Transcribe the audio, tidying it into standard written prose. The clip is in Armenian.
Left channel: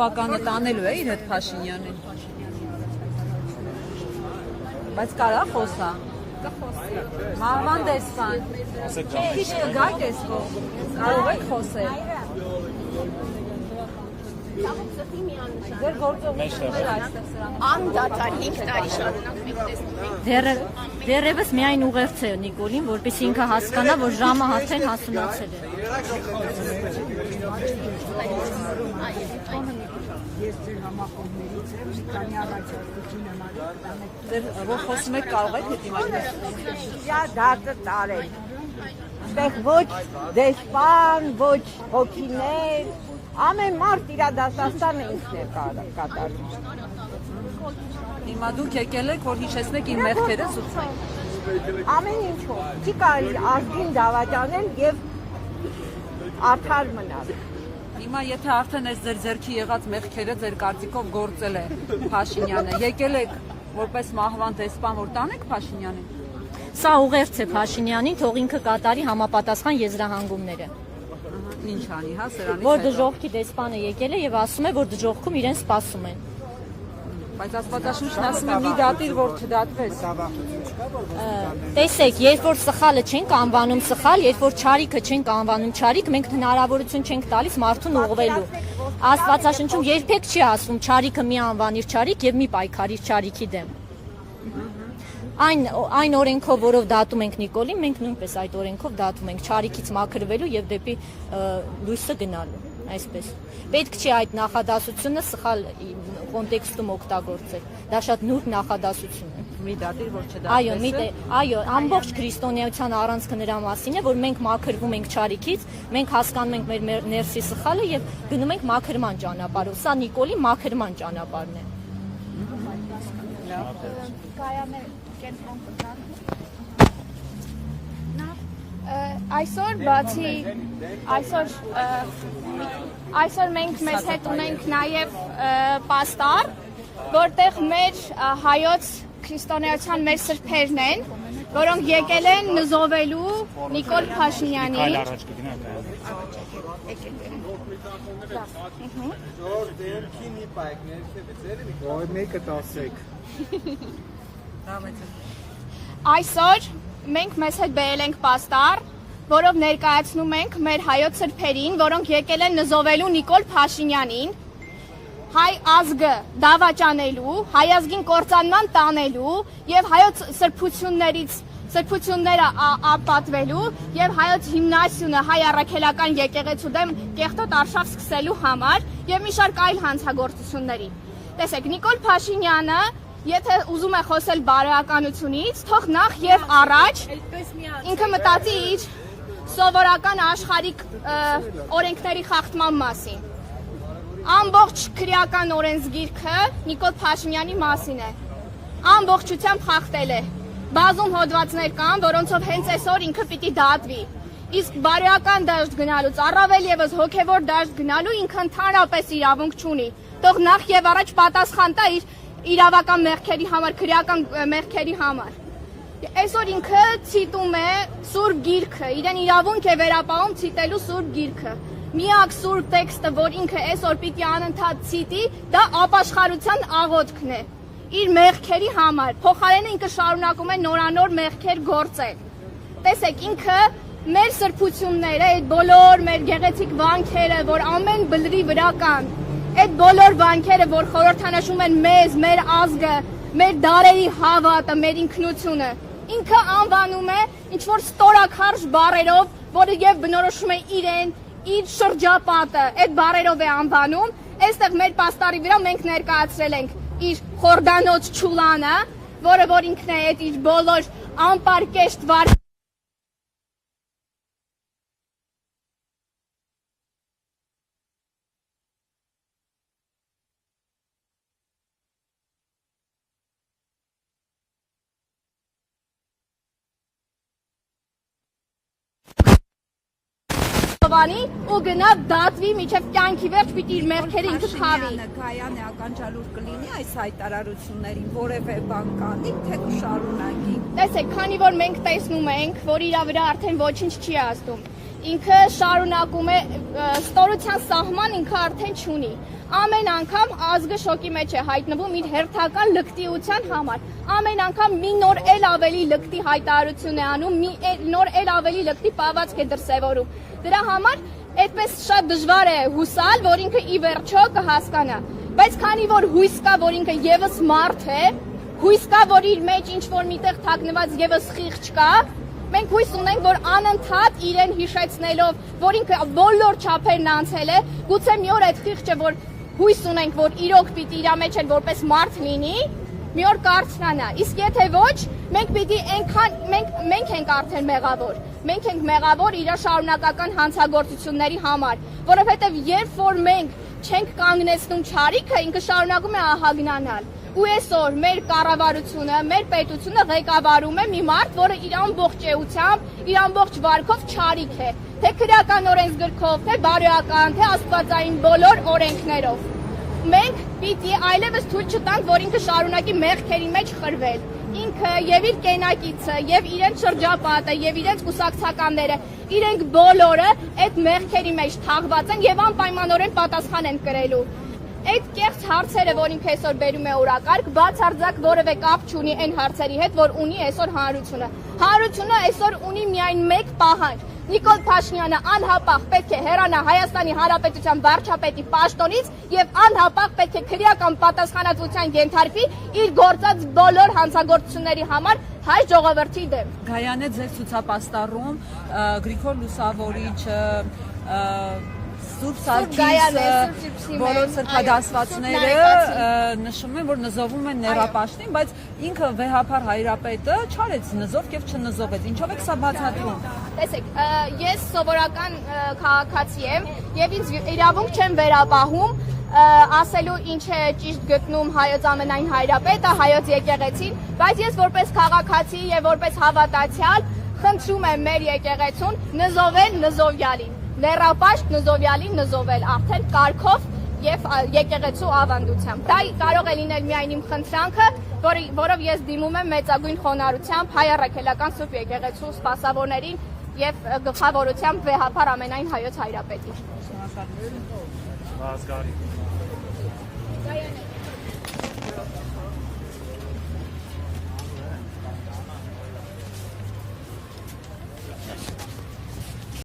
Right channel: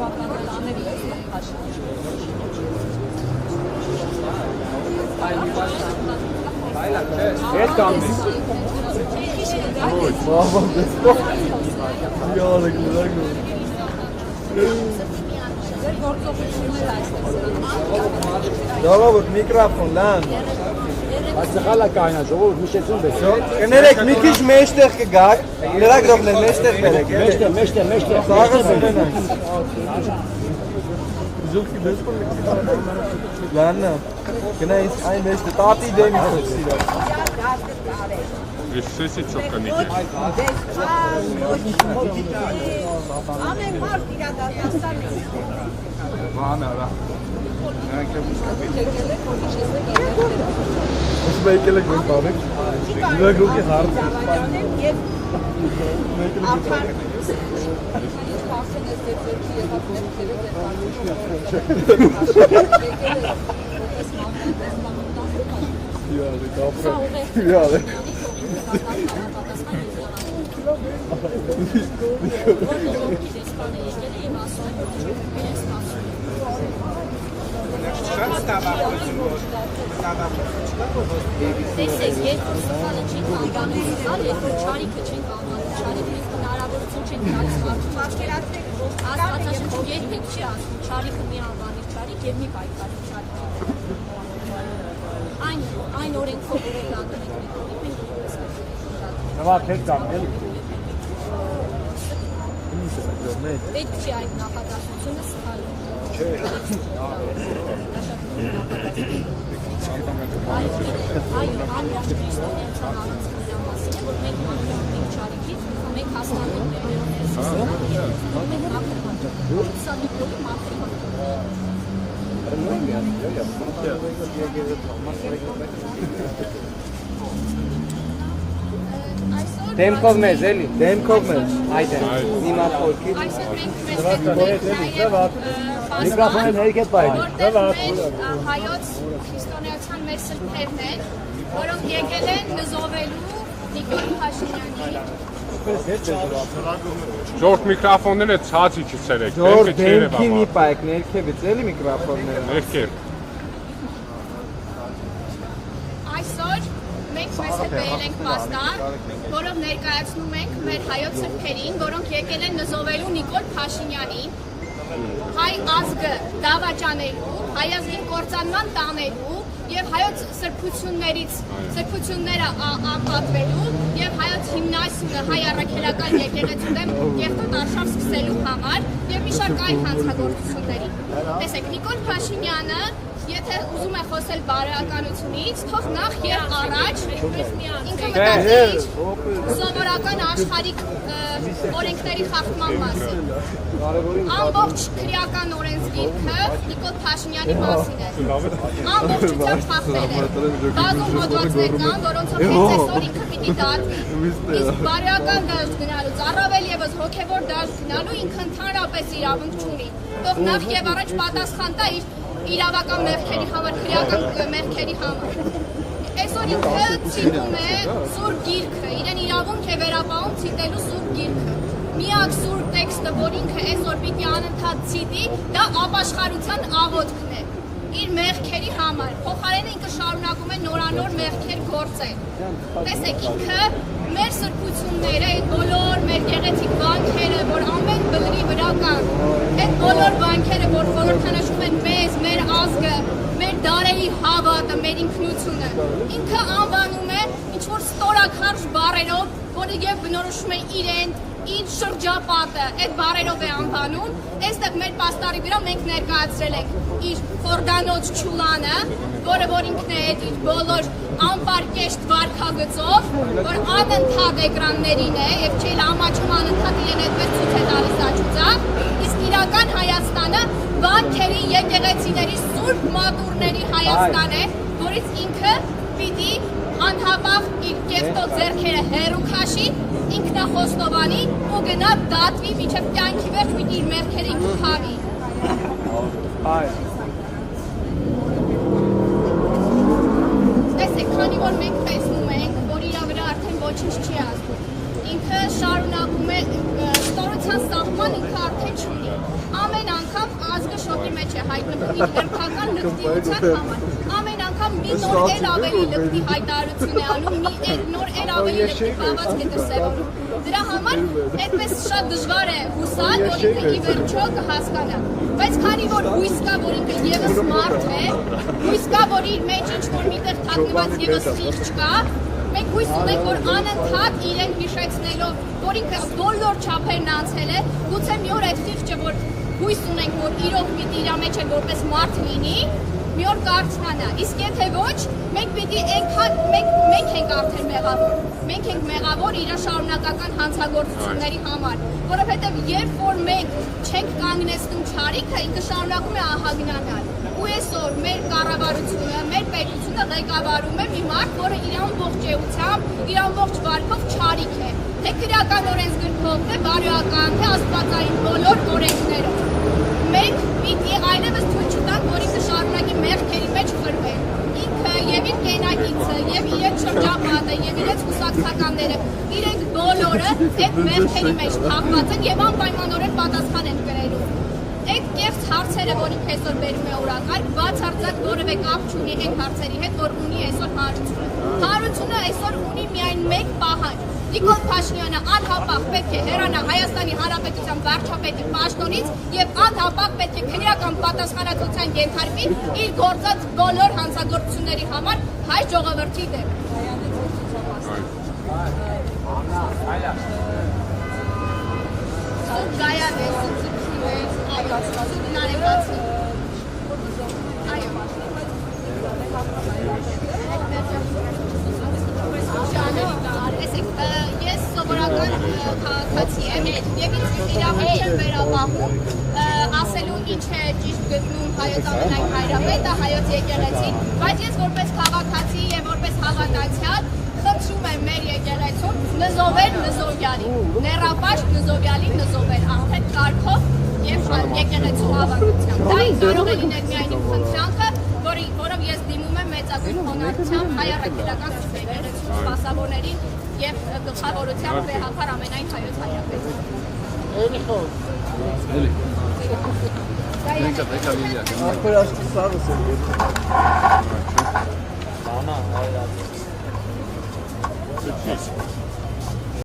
Գովականը տանելու է իր հետ Փաշինյանը։ Բայց կարա խոսա։ Mikrofon lan. Դերևս միայն ուղերձել։ Կներեք, մի քիչ մեջտեղ կգաք, լրագրողներ մեջտեղ կերեք։ Մեջտեղ։ Սաղը սնենակ։ Լաննա, գնայինք այն մեջտեղ, տատի դեմի խսիրա։ Ոչ դեսպան, ոչ հոգիներ, ամեն մարդ իրա դատաստան է իստեղ Դուք եկել եք, որ հիշեցնեք իր մեղքերը։ Ոսում եկել եք ինձ բավեք։ Չի կարող արդին դավաճանել և արդար Հիմա եթե արդեն այս ձեր ձեռքի եղած մեղքերը ձեր կարծիքով գործել են Փաշինյանը, եկել եք որպես մահվան դեսպան որ տանեք Փաշինյանը։ Սա ուղերձ է Փաշինյանի, թող ինքը կատարի համապատասխան եզրահանգումները։ Որ դժոխքի դեսպանը եկել է և ասում է, որ դժոխքում իրեն սպասում են։ Բայց ազգաշնորհն ասում է մի դատիր, որ չդատվես։ Տեսեք, երբ որ սխալը չենք անվանում սխալ, երբ որ չարիքը չենք անվանում չարիք, մենք հնարավորություն չենք տալիս մարդուն ուղղվելու։ Աստվածաշնչում երբեք չի ասում չարիքը մի անվանիր չարիք և մի պայքարիր չարիքի դեմ։ Այն օրենքով, որով դատում ենք Նիկոլին, մենք նույնպես այդ օրենքով դատում ենք չարիքից մաքրվելու և դեպի լույսը գնալու։ Պետք չի այդ նախադասությունը սխալ կոնտեքստում օգտագործել։ Դա շատ նուրբ նախադասություն։ Այո, ամբողջ քրիստոնեության առանցքը նրա մասին է, որ մենք մաքրվում ենք չարիքից, մենք հասկանում ենք մեր ներսի սխալը և գնում ենք մաքրման ճանապարհով։ Սա Նիկոլի մաքրման ճանապարհն է։ Դեմքով մեզ, էլի, դեմքով մեզ, այդ է, նիմատ խորքի։ Այսօր մենք մեզ հետ ունենք նաև պաստան, որտեղ մեր հայոց քրիստոնեության մեր սրբերն են, որոնք եկել են նզովելու Նիկոլ Փաշինյանին։ Ժորդ միկրոֆոնները ցածի չցերեք, Ժորդ դեմքի մի պայք, ներքևից էլի միկրոֆոնները։ Ներքև։ Այսօր մենք մեզ հետ բերել ենք պաստառ, որով ներկայացնում ենք մեր հայոց սրբերին, որոնք եկել են նզովելու Նիկոլ Փաշինյանին, հայ ազգը դավաճանելու, հայ ազգին կործանման տանելու և հայոց սրբությունները ապատվելու և հայոց հիմնասյունը հայ առաքելական եկեղեցու դեմ կեղտոտ արշավ սկսելու համար և մի շարք այլ հանցագործությունների։ Տեսեք, Նիկոլ Փաշինյանը եթե ուզում է խոսել բարոյականությունից, թող նախ և առաջ ինքը մտածի իր սովորական աշխարհիկ օրենքների խախտման մասին։ Ամբողջ քրեական օրենսգիրքը Նիկոլ Փաշինյանի մասին է։ Ամբողջությամբ խախտել է։ Բազում հոդվածներ կան, որոնցով հենց այսօր ինքը պիտի դատվի։ Իսկ բարոյական դաշտ գնալուց առավել ևս հոգևոր դաշտ գնալու ինքը ընդհանրապես իրավունք չունի։ Թող նախ և առաջ պատասխան տա իր իրավական մեղքերի համար, քրեական մեղքերի համար։ Այսօր ինքը ցիտում է Սուրբ Գիրքը, իրեն իրավունք է վերապահում ցիտելու Սուրբ Գիրքը։ Միակ սուրբ տեքստը, որ ինքը այսօր պիտի անընդհատ ցիտի, դա ապաշխարության աղոթքն է։ Իր մեղքերի համար, փոխարենը ինքը շարունակում է նորանոր մեղքեր գործել։ Տեսեք, ինքը մեր սրբությունները, այդ բոլոր մեր գեղեցիկ վանքերը, որ ամեն բլրի վրա կան, այդ բոլոր վանքերը, որ խորհրդանշում են մեզ, մեր ազգը, մեր դարերի հավատը, մեր ինքնությունը, ինքը անվանում է ինչ-որ ստորաքարշ բառերով, որը և բնորոշում է իրեն, իր շրջապատը, այդ բառերով է անվանում, այստեղ մեր պաստառի վրա մենք ներկայացրել ենք իր խորդանոց չուլանը, որը որ ինքն է այդ իր բոլոր անպարկեշտ վարքագծով, որ անընդհատ էկրաններին է և չէլ ամաչում անընդհատ իրեն այդպես ցույց է տալիս աչուծա, իսկ իրական Հայաստանը վանքերի եկեղեցիների սուրբ մատուրների Հայաստան է, որից ինքը պիտի անհապաղ իր կեղտոտ ձեռքերը հեռու քաշի, ինքնախոստովանի ու գնա դատվի մինչև կյանքի վերջ պիտի իր մեղքերը ինքը քավի։ Այս հայտարարությունների որևէ բան կանի, Տեսեք, քանի որ մենք տեսնում ենք, որ իրա վրա արդեն ոչինչ չի ազդում։ ինքը շարունակում է ստորության սահման ինքը արդեն չունի։ Ամեն անգամ ազգը շոկի մեջ է հայտնվում իր հերթական լկտիության համար։ Ամեն անգամ մի նոր էլ ավելի լկտի հայտարարություն է անում, մի նոր էլ ավելի լկտի պահվածք է դրսևորում։ Դրա համար այդպես շատ դժվար է հուսալ, որ ինքը ի վերջո կհասկանա։ Բայց քանի որ հույս կա, որ ինքը եւս մարդ է, հույս կա, որ իր մեջ ինչ-որ միտեղ թաքնված եւս խիղճ կա, մենք հույս ունենք, որ անընդհատ իրեն հիշեցնելով, որ ինքը բոլոր չափերն անցել է, գուցե մի օր այդ խիղճը, որ հույս ունենք, որ իրոք պիտի իր մեջ են որպես մարդ լինի, մի օր կարծանա։ Իսկ եթե ոչ, մենք պիտի այնքան մենք ենք արդեն մեղավոր։ Մենք ենք մեղավոր իր շարունակական հանցագործությունների համար, որովհետև երբ որ մենք չենք կանգնեցնում չարիքը, ինքը շարունակում է ահագնանալ։ Ու այսօր մեր կառավարությունը, մեր պետությունը ղեկավարում է մի մարդ, որը իր ամբողջ էությամբ, իր ամբողջ վարքով չարիք է, թե քրեական օրենսգրքով, թե բարոյական, թե աստվածային բոլոր օրենքներով։ Մենք պիտի այլևս թույլ չտանք, որ ինքը շարունակի մեղքերի մեջ խրվել։ Ինքը եւ իր կենակիցը, եւ իրենց շրջապատը, եւ իրենց կուսակցականները, իրենք բոլորը այդ մեղքերի մեջ թաղված են եւ անպայմանորեն պատասխան են կրելու։ Այդ կեղծ հարցերը, որ ինքը այսօր բերում է օրակարգ, բացարձակ որևէ կապ չունի այն հարցերի հետ, որ ունի այսօր հանրությունը։ Հանրությունը այսօր ունի միայն մեկ պահանջ։ Նիկոլ Փաշինյանը անհապաղ պետք է հեռանա Հայաստանի Հանրապետության վարչապետի պաշտոնից եւ անհապաղ պետք է քրեական պատասխանատվության ենթարկվի իր գործած բոլոր հանցագործությունների համար հայ ժողովրդի դեմ։ Գայանե ձեր ցուցապաստառում Գրիգոր Լուսավորիչը որոնց հատկացվածները նշում են, որ նզովում են ներապաշտին, բայց ինքը վեհապար հայրապետը չարեց նզով եւ չնզովեց։ Ինչով է սա բացատրելի։ Տեսեք, ես սովորական քաղաքացի եմ եւ ինձ իրավունք չեմ վերապահում ասելու ինչ է ճիշտ գտնում հայոց ամենայն հայրապետը, հայոց եկեղեցին, բայց ես որպես քաղաքացի եւ որպես հավատացյալ խնդրում եմ մեր եկեղեցուն նզովել նզովյալի, ներապաշտ նզովյալի նզովել արդեն կարգով եւ եկեղեցու ավանդությամբ։ Դա կարող է լինել միայն իմ խնդրանքը, որով ես դիմում եմ մեծագույն խոնարհությամբ հայ առաքելական սուրբ եկեղեցու սպասավորներին եւ գլխավորությամբ վեհապար ամենայն հայոց հայրապետին։ Ահա,